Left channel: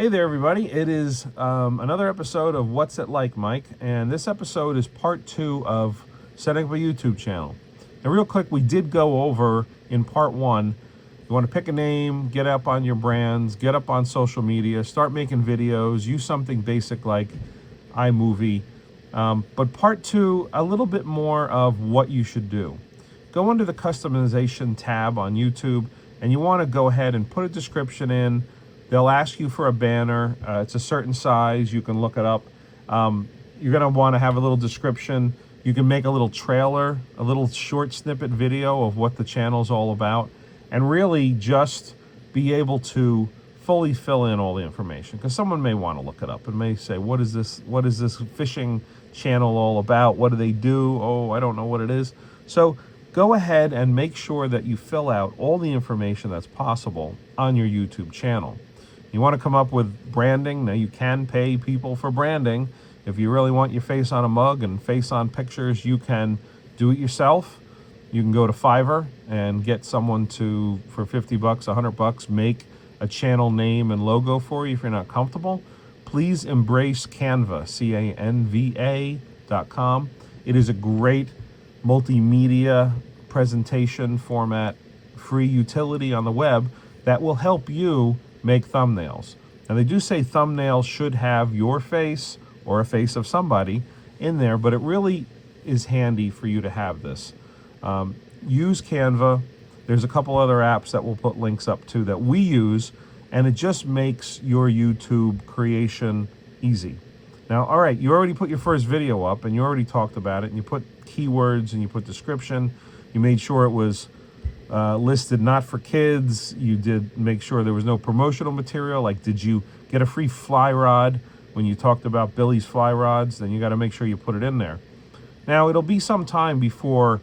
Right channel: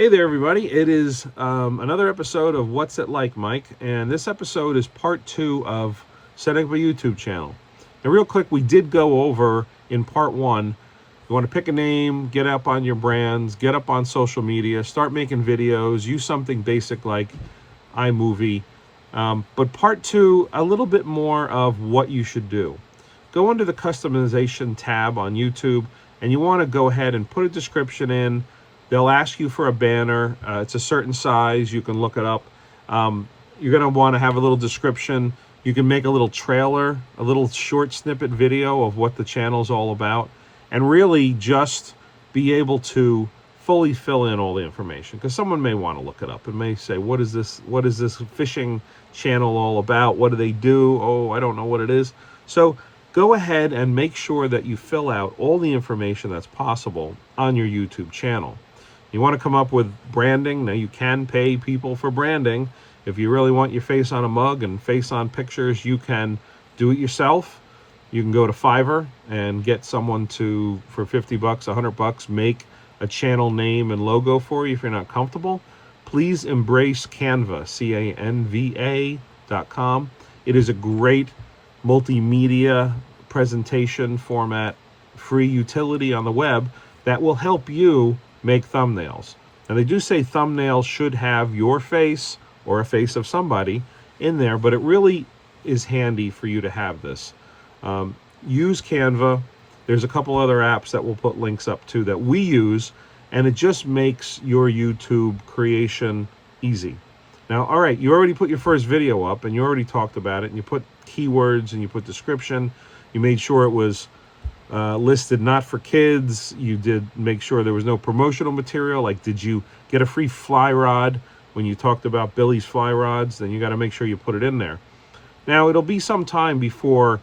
Hey there, everybody. It is another episode of What's It Like, Mike? And this episode is part 2 of setting up a YouTube channel. Now, real quick, we did go over in part 1. You want to pick a name, get up on your brands, get up on social media, start making videos, use something basic like iMovie. But part 2, a little bit more of what you should do. Go under the customization tab on YouTube, and you want to go ahead and put a description in. They'll ask you for a banner. It's a certain size. You can look it up. You're going to want to have a little description. You can make a little trailer, a little short snippet video of what the channel's all about, and really just be able to fully fill in all the information, because someone may want to look it up and may say, what is this fishing channel all about? What do they do? Oh, I don't know what it is. So go ahead and make sure that you fill out all the information that's possible on your YouTube channel. You want to come up with branding. Now, you can pay people for branding. If you really want your face on a mug and face on pictures, you can do it yourself. You can go to Fiverr and get someone to, for 50 bucks, 100 bucks, make a channel name and logo for you if you're not comfortable. Please embrace Canva, Canva.com. It is a great multimedia presentation format, free utility on the web that will help you make thumbnails. Now, they do say thumbnails should have your face or a face of somebody in there, but it really is handy for you to have this. Use Canva. There's a couple other apps that we'll put links up to that we use, and it just makes your YouTube creation easy. Now, all right, you already put your first video up, and you already talked about it, and you put keywords, and you put description. You made sure it was listed not for kids. You did make sure there was no promotional material, like did you get a free fly rod when you talked about Billy's fly rods? Then you got to make sure you put it in there. Now, it'll be some time before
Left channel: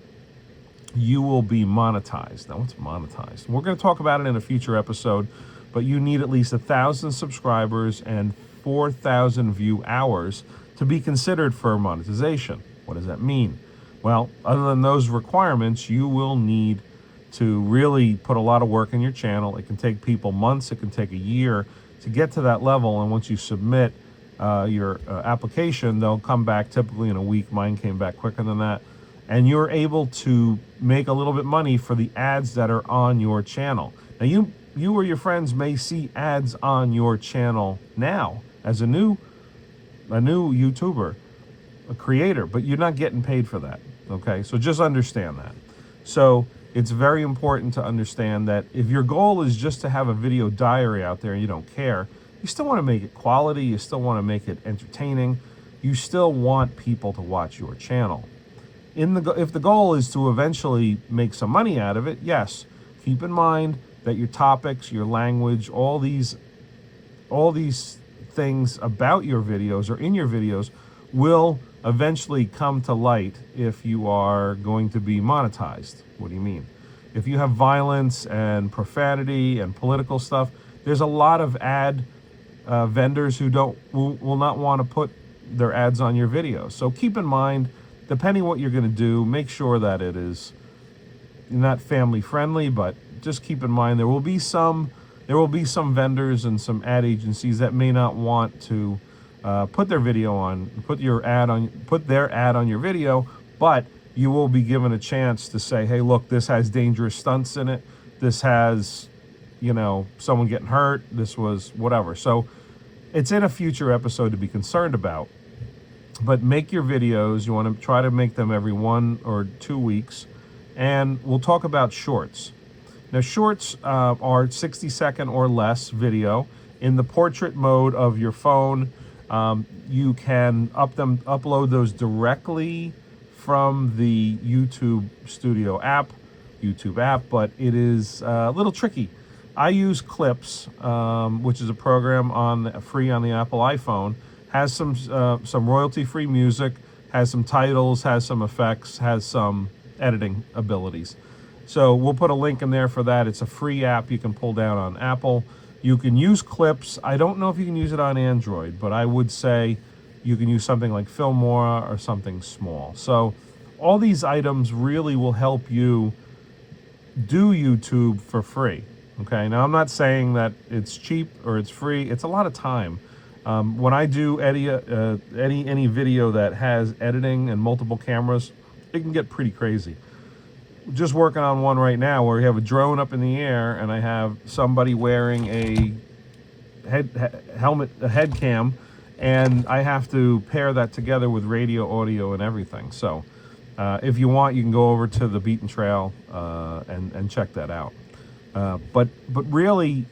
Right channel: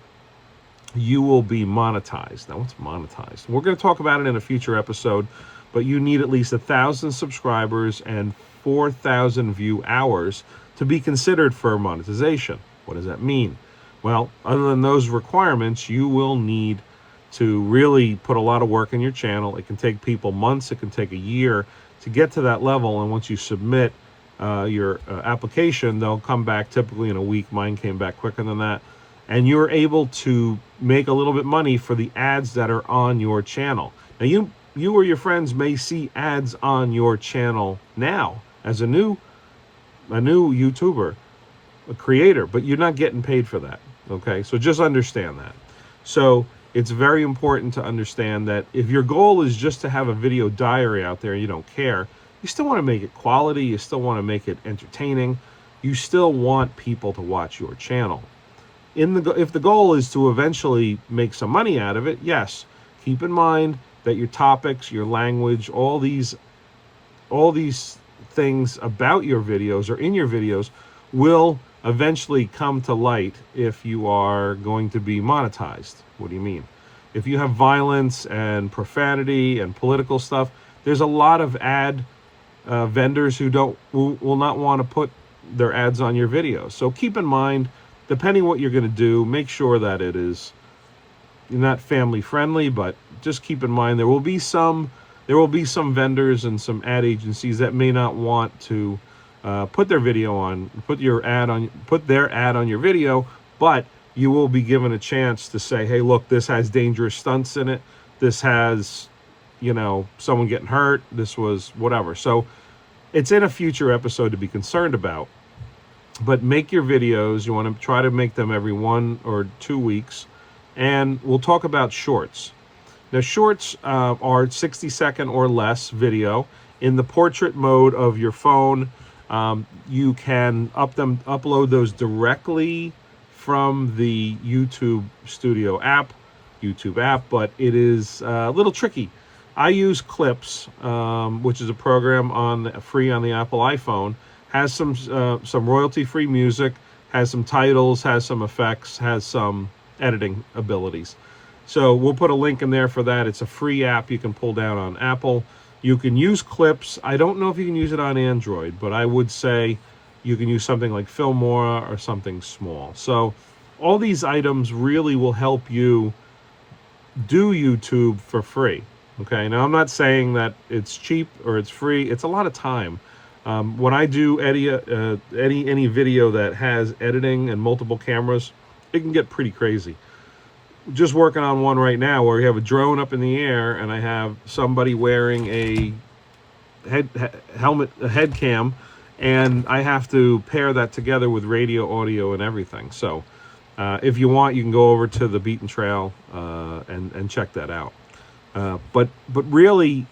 you will be monetized. Now, what's monetized? We're going to talk about it in a future episode, but you need at least 1,000 subscribers and 4,000 view hours to be considered for monetization. What does that mean? Well, other than those requirements, you will need to really put a lot of work in your channel. It can take people months, it can take a year to get to that level, and once you submit your application, they'll come back typically in a week. Mine came back quicker than that. And you're able to make a little bit money for the ads that are on your channel. Now, you or your friends may see ads on your channel now as a new YouTuber, a creator, but you're not getting paid for that, okay? So just understand that. So it's very important to understand that if your goal is just to have a video diary out there and you don't care, you still want to make it quality, you still want to make it entertaining, you still want people to watch your channel. If the goal is to eventually make some money out of it, yes, keep in mind that your topics, your language, all these things about your videos or in your videos will eventually come to light if you are going to be monetized. What do you mean? If you have violence and profanity and political stuff, there's a lot of ad vendors who will not want to put their ads on your videos. So keep in mind, depending what you're going to do, make sure that it is not family friendly, but just keep in mind there will be some vendors and some ad agencies that may not want to put their ad on your video, but you will be given a chance to say, hey, look, this has dangerous stunts in it. This has, someone getting hurt. This was whatever. So it's in a future episode to be concerned about. But make your videos. You want to try to make them every 1 or 2 weeks. And we'll talk about shorts. Now, shorts are 60-second or less video. In the portrait mode of your phone, you can upload those directly from the YouTube app, but it is a little tricky. I use Clips, which is a program free on the Apple iPhone. Has some royalty-free music, has some titles, has some effects, has some editing abilities. So we'll put a link in there for that. It's a free app you can pull down on Apple. You can use Clips. I don't know if you can use it on Android, but I would say you can use something like Filmora or something small. So all these items really will help you do YouTube for free. Okay, now I'm not saying that it's cheap or it's free. It's a lot of time. When I do any video that has editing and multiple cameras, it can get pretty crazy. Just working on one right now where we have a drone up in the air and I have somebody wearing a head cam, and I have to pair that together with radio, audio, and everything. So if you want, you can go over to the Beaten Trail and check that out. But really,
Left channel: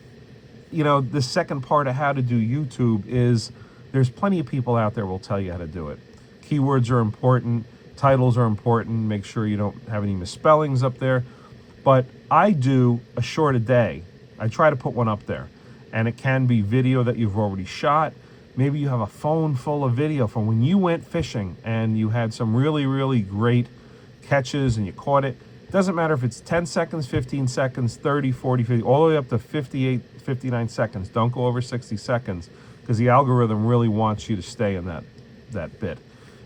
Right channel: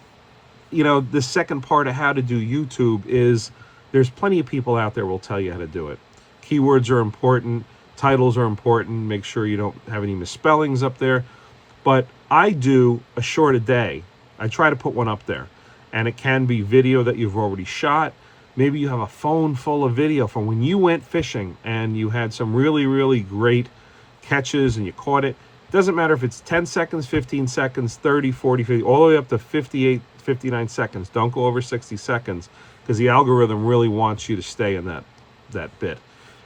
you know, the second part of how to do YouTube is there's plenty of people out there will tell you how to do it. Keywords are important, titles are important, make sure you don't have any misspellings up there. But I do a short a day. I try to put one up there. And it can be video that you've already shot. Maybe you have a phone full of video from when you went fishing and you had some really, really great catches and you caught it. Doesn't matter if it's 10 seconds, 15 seconds, 30, 40, 50, all the way up to 58, 59 seconds. Don't go over 60 seconds because the algorithm really wants you to stay in that bit.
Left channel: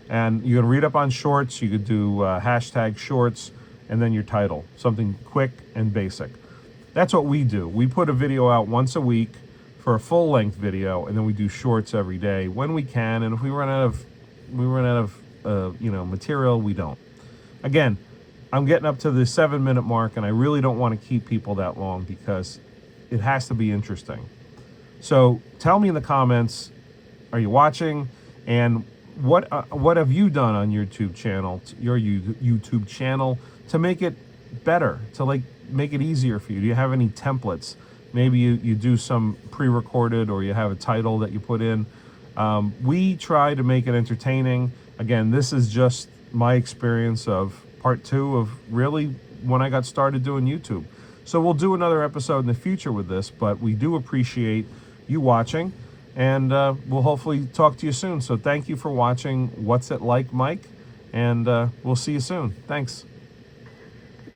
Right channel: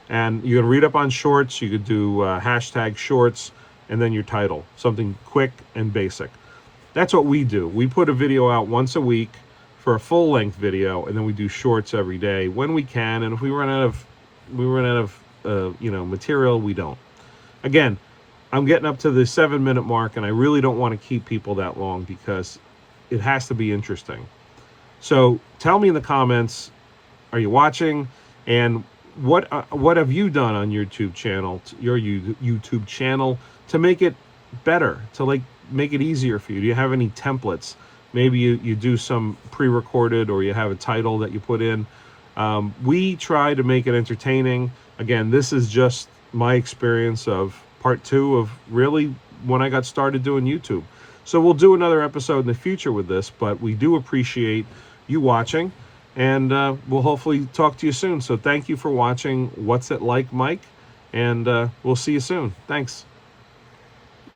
And you can read up on shorts. You could do hashtag shorts and then your title, something quick and basic. That's what we do. We put a video out once a week for a full-length video, and then we do shorts every day when we can. And if we run out of material, we don't. Again, I'm getting up to the 7-minute mark, and I really don't want to keep people that long because it has to be interesting. So tell me in the comments, are you watching? And what have you done on your YouTube channel to make it better, to make it easier for you? Do you have any templates? Maybe you do some pre-recorded, or you have a title that you put in. We try to make it entertaining. Again, this is just my experience of part 2 of really when I got started doing YouTube. So we'll do another episode in the future with this, but we do appreciate you watching, and we'll hopefully talk to you soon. So thank you for watching What's It Like, Mike, and we'll see you soon. Thanks.